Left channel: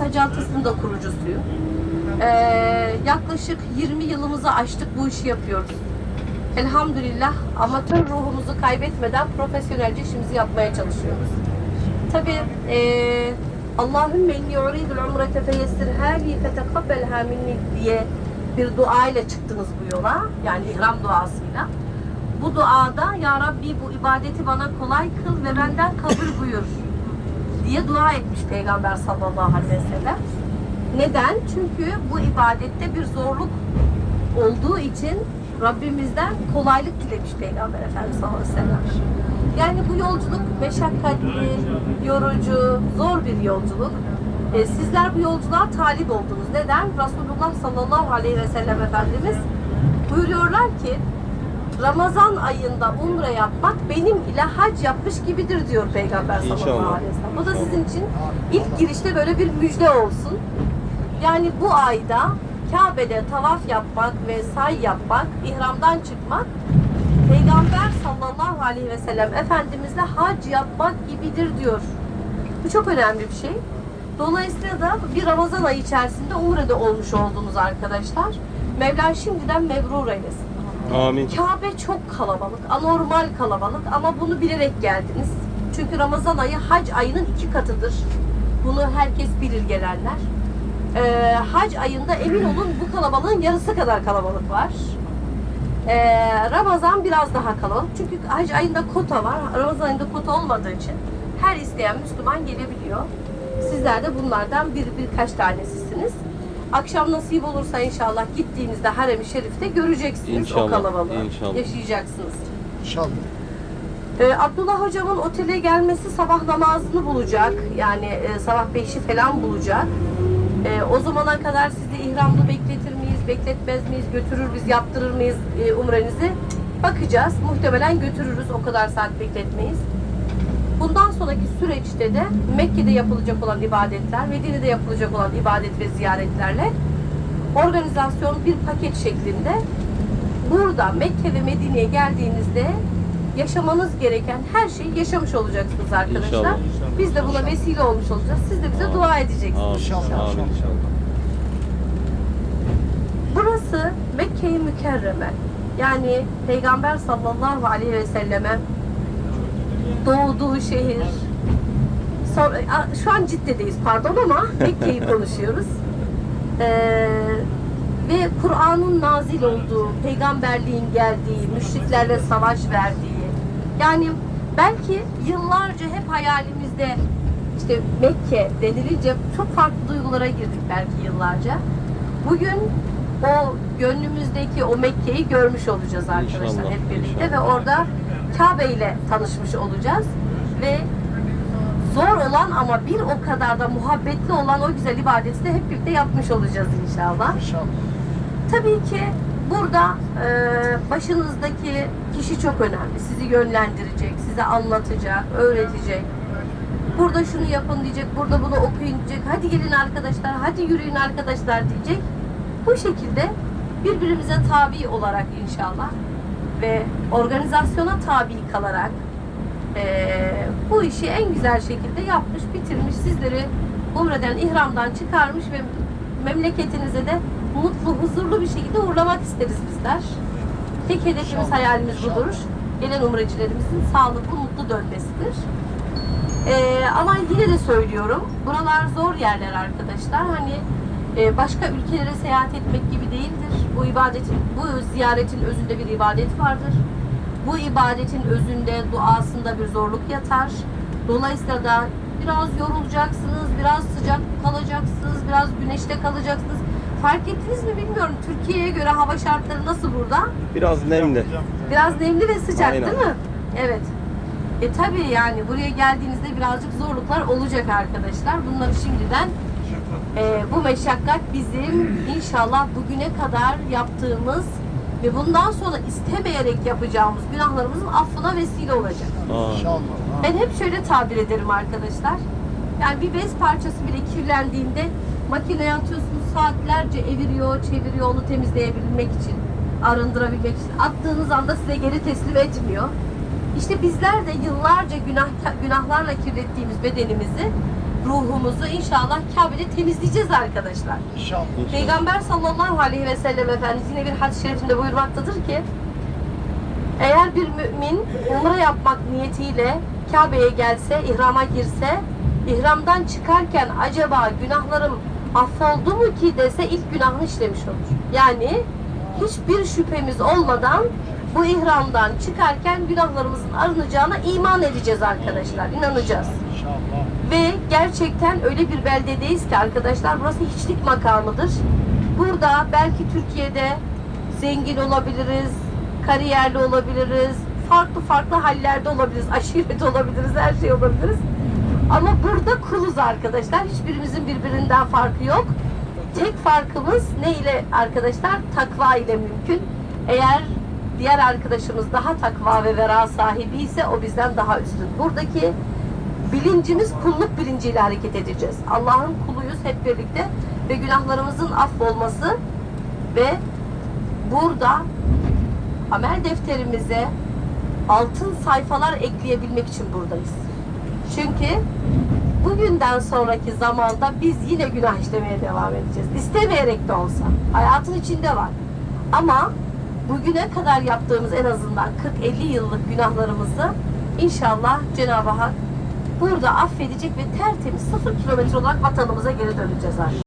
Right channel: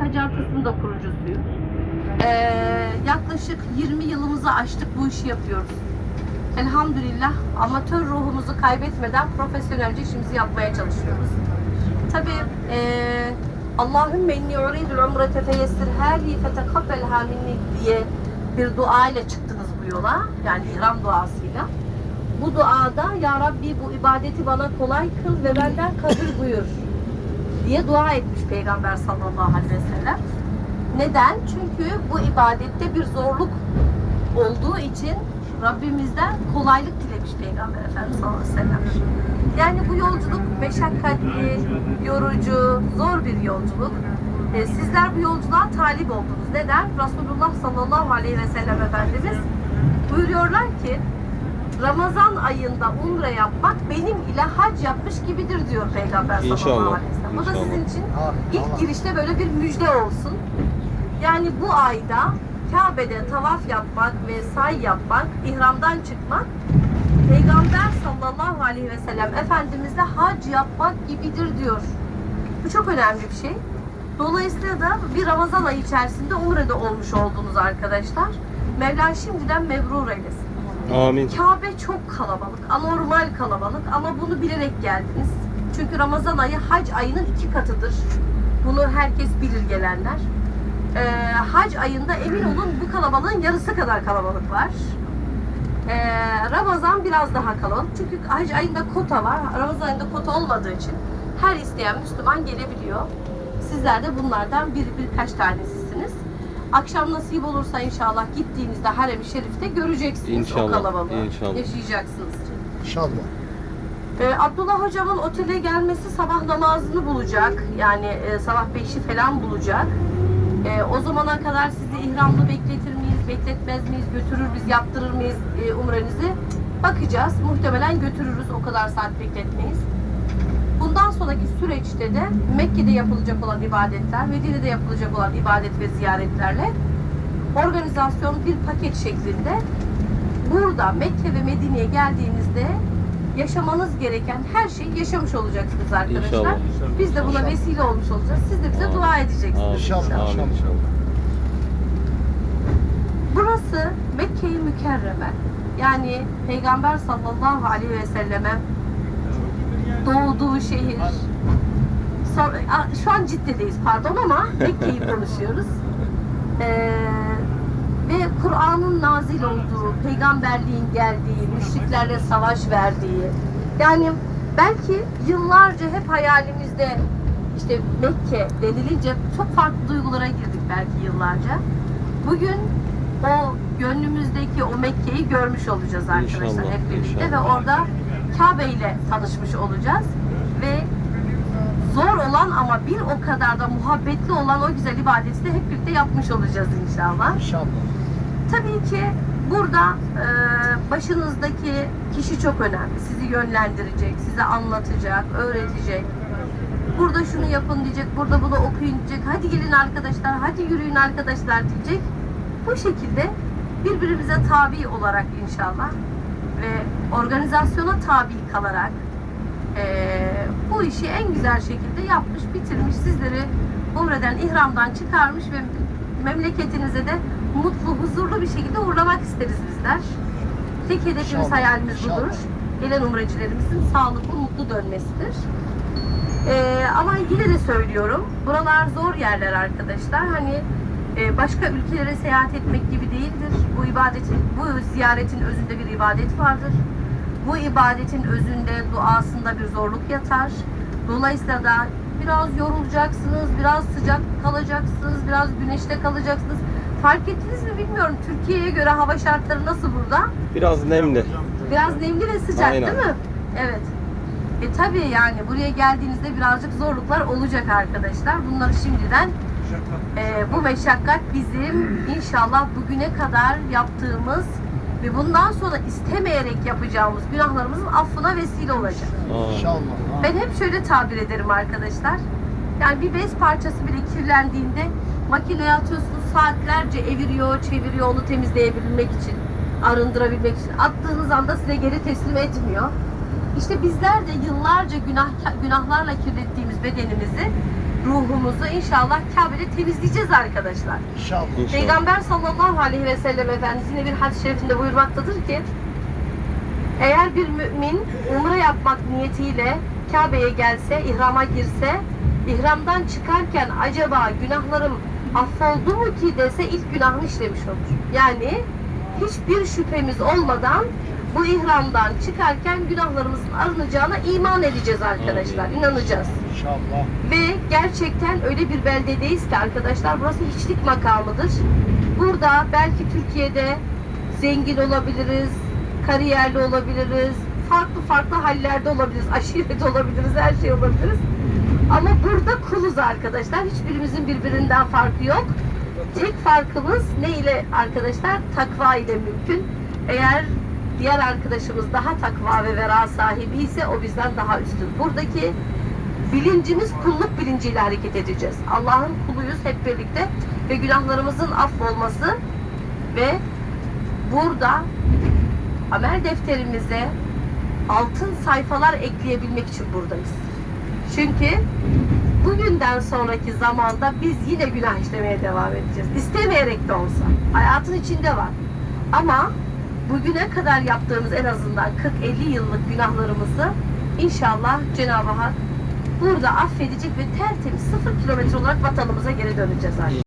Sacantası'nın da kurucusuyum. Ee, yaklaşık 20 yılımızı aştık bu işi yapıyoruz. Elhamdülillah amatör ruhumuzu kaybetmeden profesyonelce işimizi yapmaya çalışıyoruz. Tabii ee, Allahümme inni uridul umrete feyessirha li fetekabbelha minni diye bir dua ile çıktınız bu yola. Yani ihram duasıyla. Bu duada Ya Rabbi bu ibadeti bana kolay kıl ve benden kabul buyur diye dua etmiş Peygamber sallallahu aleyhi ve sellem. Neden? Çünkü bu ibadette bir zorluk olduğu için Rabbimizden kolaylık dilemiş Peygamber Efendimiz sallallahu aleyhi ve sellem. Yani bu yolculuk meşakkatli, yorucu, zor bir yolculuk. Ee, sizler bu yolculuğa talip oldunuz. Neden? Resulullah sallallahu aleyhi ve sellem Efendimiz buyuruyorlar ki Ramazan ayında umre yapmak benim ile hac yapmış gibidir diyor Peygamber sallallahu aleyhi ve sellem. Bu da sizin için ilk girişte böyle bir müjde olsun. Yani bu ayda Kabe'de tavaf yapmak ve say yapmak, ihramdan çıkmak Peygamber sallallahu aleyhi ve sellem Efendimizle hac yapmak gibidir diyor. Bu çok önemli bir şey. Dolayısıyla da bir Ramazan ayı içerisinde Umre'de olmuş oldunuz arkadaşlar. Mevla şimdiden mebrur eylesin. Amin. Kabe çok kalabalık, anormal kalabalık ama bunu bilerek geldiniz. Çünkü Ramazan ayı hac ayının iki katıdır. Bunu herkes bilir gelenler. Ee, hac ayında emin olun bu kalabalığın yarısı kadar kalabalık var. Ee, Ramazan biraz daha kalabalık. Çünkü hac ayında kota var. Ramazan ayında kota olmadığı için her isteyen Müslüman gelebiliyor. Sizler de bunlardan bir birkaç tanesisiniz. Akşam nasip olursa inşallah gittiğinizde Harem-i Şerif'te göreceksiniz o İnşallah, kalabalığı. inşallah. Yaşayacaksınız. İnşallah. Ee, Abdullah hocamın otele gelmesi sabah namazını bulacak. Yani e, sabah 5'i falan bulacak. Ee, o zamana kadar sizi ihramlı bekletir miyiz, bekletmez miyiz, götürür biz, yaptırır mıyız e, umrenizi? Bakacağız. Muhtemelen götürürüz. O kadar saat bekletmeyiz. Bundan sonraki süreçte de Mekke'de yapılacak olan ibadetler, Medine'de yapılacak olan ibadet ve ziyaretlerle organizasyon bir paket şeklinde burada Mekke ve Medine'ye geldiğinizde yaşamanız gereken her şeyi yaşamış olacaksınız arkadaşlar. İnşallah. Biz de buna vesile olmuş olacağız. Siz de bize Amin. dua edeceksiniz. Amin. İnşallah. Amin inşallah. Burası Mekke-i Mükerreme. Yani Peygamber sallallahu aleyhi ve selleme doğduğu şehir. Sonra, şu an Cidde'deyiz pardon ama Mekke'yi konuşuyoruz. Ee, ve Kur'an'ın nazil olduğu, peygamberliğin geldiği, müşriklerle savaş verdiği. Yani belki yıllarca hep hayalimizde işte Mekke denilince çok farklı duygulara girdik belki yıllarca. Bugün o gönlümüzdeki o Mekke'yi görmüş olacağız arkadaşlar İnşallah, hep birlikte ve inşallah. orada Kabe ile tanışmış olacağız ve zor olan ama bir o kadar da muhabbetli olan o güzel ibadeti de hep birlikte yapmış olacağız inşallah. İnşallah. Tabii ki burada e, başınızdaki kişi çok önemli. Sizi yönlendirecek, size anlatacak, öğretecek. Burada şunu yapın diyecek, burada bunu okuyun diyecek. Hadi gelin arkadaşlar, hadi yürüyün arkadaşlar diyecek. Bu şekilde birbirimize tabi olarak inşallah ve organizasyona tabi kalarak bu işi en güzel şekilde yapmış, bitirmiş. Sizleri Umre'den, ihramdan çıkarmış ve memleketinize de mutlu, huzurlu bir şekilde uğurlamak isteriz bizler. Tek hedefimiz, İnşallah, hayalimiz inşallah. budur. Gelen umrecilerimizin sağlıklı, mutlu dönmesidir. Ee, ama yine de söylüyorum, buralar zor yerler arkadaşlar. Hani e, başka ülkelere seyahat etmek gibi değildir. Bu ibadetin, bu ziyaretin özünde bir ibadet vardır. Bu ibadetin özünde, duasında bir zorluk yatar. Dolayısıyla da biraz yorulacaksınız, biraz sıcak kalacaksınız, biraz güneşte kalacaksınız. Fark ettiniz mi bilmiyorum. Türkiye'ye göre hava şartları nasıl burada? Biraz nemli. Biraz nemli ve sıcak Aynen. değil mi? Evet. E tabii yani buraya geldiğinizde birazcık zorluklar olacak arkadaşlar. Bunları şimdiden e, bu meşakkat bizim inşallah bugüne kadar yaptığımız ve bundan sonra istemeyerek yapacağımız günahlarımızın affına vesile olacak. İnşallah. Ben hep şöyle tabir ederim arkadaşlar. Yani bir bez parçası bile kirlendiğinde makineye atıyorsunuz saatlerce eviriyor, çeviriyor onu temizleyebilmek için, arındırabilmek için. Attığınız anda size geri teslim etmiyor. İşte bizler de yıllarca günah, günahlarla kirlettiğimiz bedenimizi ruhumuzu inşallah Kabe'de temizleyeceğiz arkadaşlar. İnşallah. Peygamber sallallahu aleyhi ve sellem Efendimiz yine bir hadis-i şerifinde buyurmaktadır ki eğer bir mümin umre yapmak niyetiyle Kabe'ye gelse, ihrama girse, ihramdan çıkarken acaba günahlarım affoldu mu ki dese ilk günahını işlemiş olur. Yani hiçbir şüphemiz olmadan bu ihramdan çıkarken günahlarımızın arınacağına iman edeceğiz arkadaşlar, inanacağız. İnşallah. Ve gerçekten öyle bir beldedeyiz ki arkadaşlar burası hiçlik makamıdır. Burada belki Türkiye'de zengin olabiliriz, kariyerli olabiliriz, farklı farklı hallerde olabiliriz, aşiret olabiliriz, her şey olabiliriz. Ama burada kuluz arkadaşlar. Hiçbirimizin birbirinden farkı yok. Tek farkımız ne ile arkadaşlar? Takva ile mümkün. Eğer diğer arkadaşımız daha takva ve vera sahibi ise o bizden daha üstün. Buradaki bilincimiz kulluk bilinciyle hareket edeceğiz. Allah'ın kuluyuz hep birlikte ve günahlarımızın affolması ve burada amel defterimize altın sayfalar ekleyebilmek için buradayız. Çünkü bugünden sonraki zamanda biz yine günah işlemeye devam edeceğiz. İstemeyerek de olsa. Hayatın içinde var. Ama bugüne kadar yaptığımız en azından 40-50 yıllık günahlarımızı inşallah Cenab-ı Hak burada affedecek ve tertemiz sıfır kilometre olarak vatanımıza geri döneceğiz artık.